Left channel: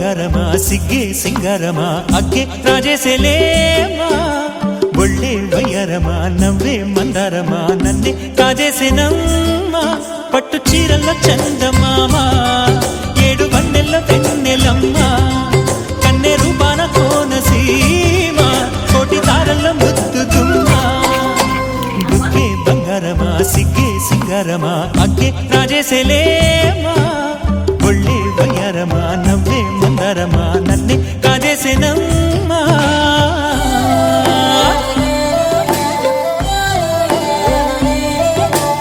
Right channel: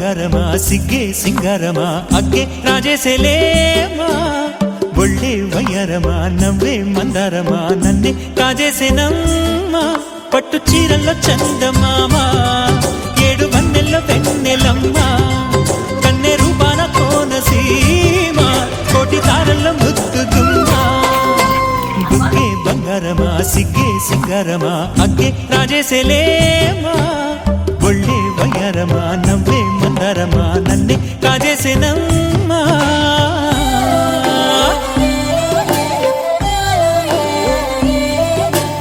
ಬಂಗಾರಮ ಸಿಗ್ಗೆ ಸಿಂಗಾರಮ ಅಗ್ಗೆ ರಾಜೇಸೆಲೇಮಾ ಒಳ್ಳೆ ವಯ್ಯಾರಮ ನವ್ವే మందారమ నన్నే కాజేసేనమ్మా పట్టు చీరల్లో చందమామ ఏడు వన్నెల్లో వెన్నెలమ్మ కన్నె రూపాన కోనసీమ కోటి తారల్లో ముద్దుదుమ్మ బుగ్గే బంగారమ సిగ్గే సింగారమ అగ్గే రాజేసెలేమా ఒళ్ళే వయ్యారమ నవ్వే మందారమ నన్నే కాజేసేనమ్మా